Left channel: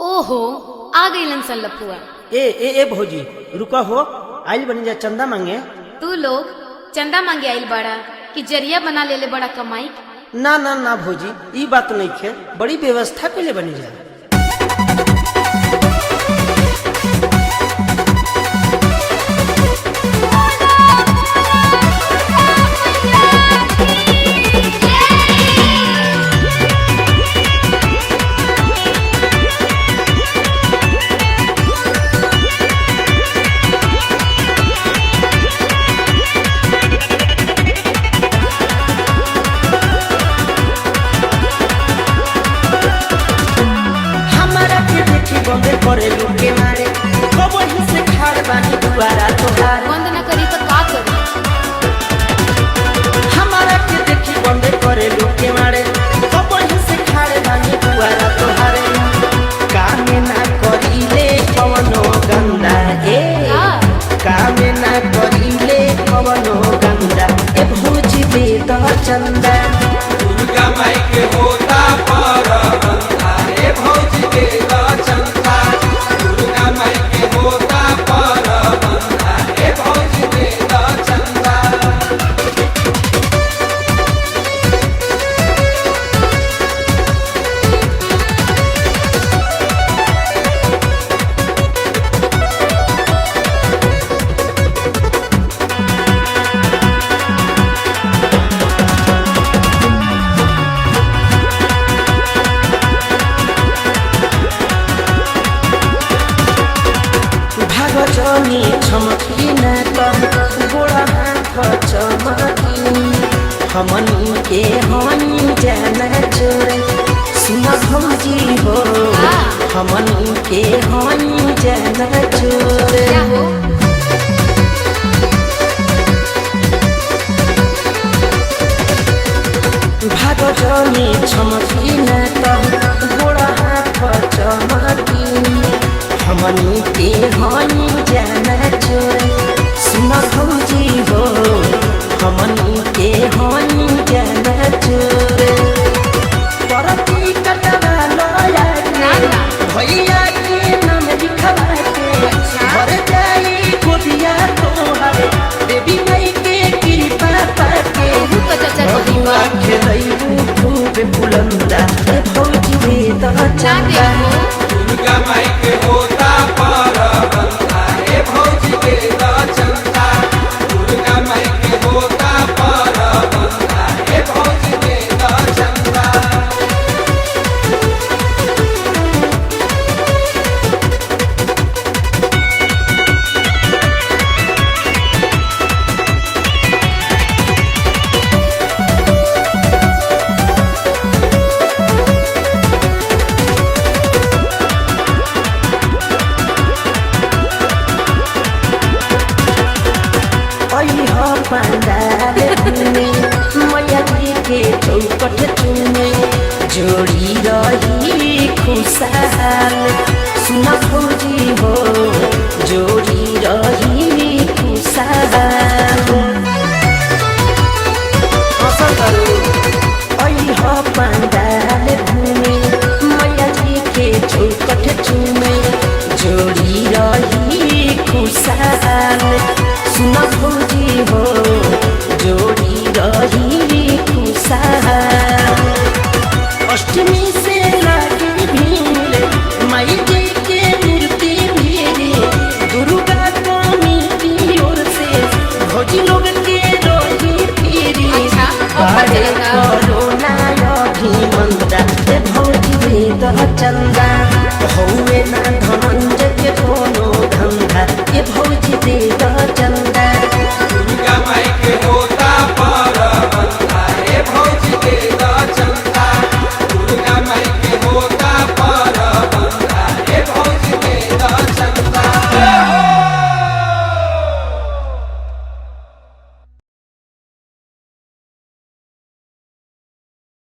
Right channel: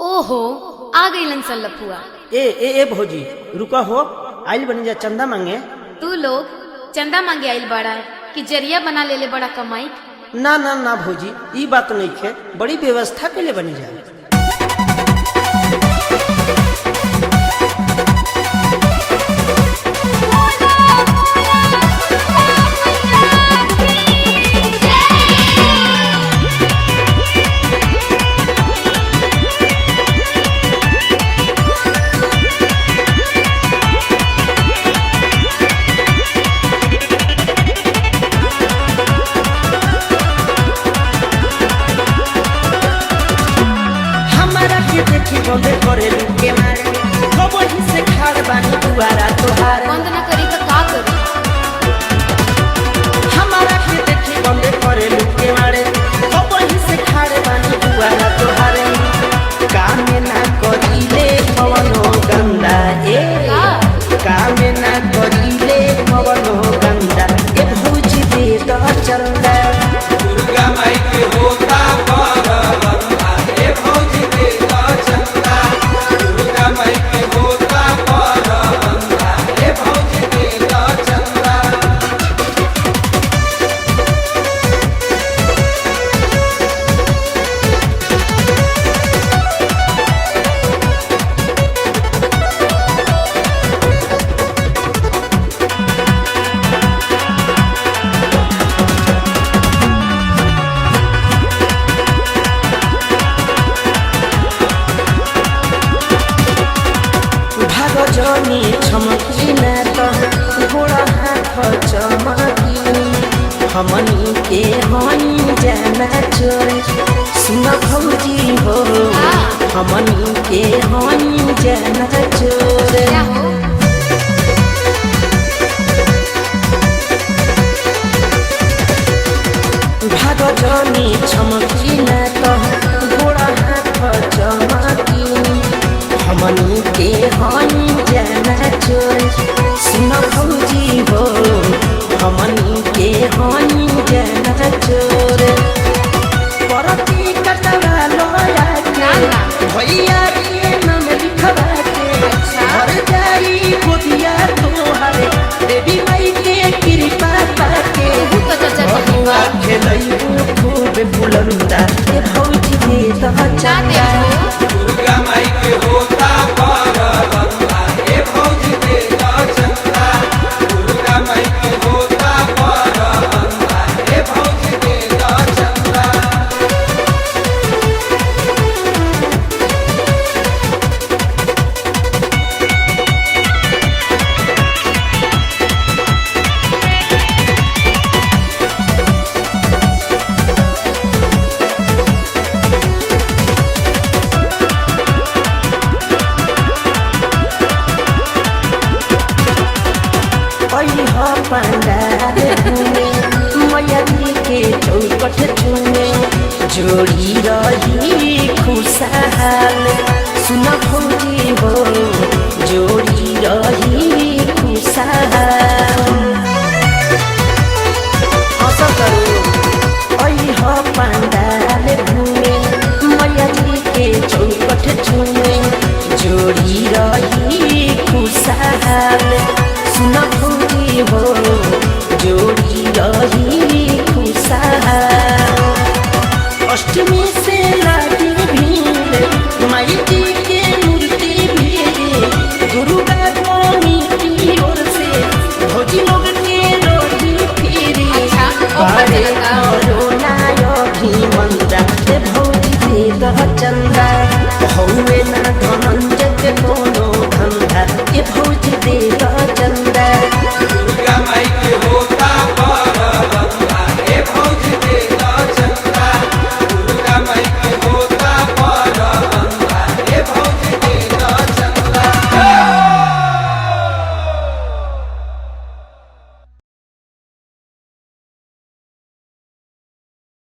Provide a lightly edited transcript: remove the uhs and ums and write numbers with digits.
ओहो आ गईलन सन लफुआ। ए भौजी रुका हो, आइल बनी जा चंदा मांगे। तू लोग चंदा मांगे आइल बड़ा कि जरिया बना लेले बड़ा कमाई। ना ना ना भौजी, ई बात नहीं खे, बड़ी व्यवस्था के लिए बनी जा। देखी बंदे करे लुके मारे, कब ही से खाड़ बानी दुआरा तोहार। बंद न करी तो का करी? हमारा के देखी बंदे करे लुके मारे, कब ही से खाड़ बानी दुआरा तोहारे। कामे ना करीले कवनो गंदा कामे ना करीले कवनो गंदा। ए भौजी दे द चंदा, दुर्गा माई के होता परबंदा। ए भौजी दे द चंदा, दुर्गा माई के होता परबंदा। ए भौजी दे द चंदा। जनी छमकी न त गोड़ा हाथ चमकी। हमनी के हई जाना चोरे, सुन भौजी हो, हमनी के हई जाना चोरे। क्या हो? भाग जनी छमकी न त गोड़ा हाथ चमकी। हमनी के हई जाना चोरे, सुन भौजी हो, हमनी के हई जाना चोरे। परती कटवा लोया के भैया के नाम लिखवा के, भर जाई गोदिया तोहरे देवी माई के कृपा पाके। बहुआ खेलैबू खूब बुलंदा, ए भौजी दे द चंदा। दुर्गा माई के होता परबंदा। ए भौजी दे द चंदा, दुर्गा माई के होता परबंदा। ए भौजी दे द चंदा। पंडाल घूमे मैया जी के चौकट चूमे, जोड़ी रही खुशहाल। सुन भौजी हो, जोड़ी रही खुशहाल। ऐसा करो पंडाल घूमे मैया जी के चौकट चूमे, जोड़ी रही खुशहाल। सुन भौजी हो, जोड़ी रही खुशहाल। अष्टमी से लागी भीड़ माई जी के मूर्ति भीड़, दुर्गा कमिटी ओर से भौजी लोग के रही फिरी। बड़े कोरोना अभिमंदा, ए भौजी दे द चंदा। हौवे ना धनंजय के कोनो धंधा, ए भौजी दे द चंदा। दुर्गा माई के हो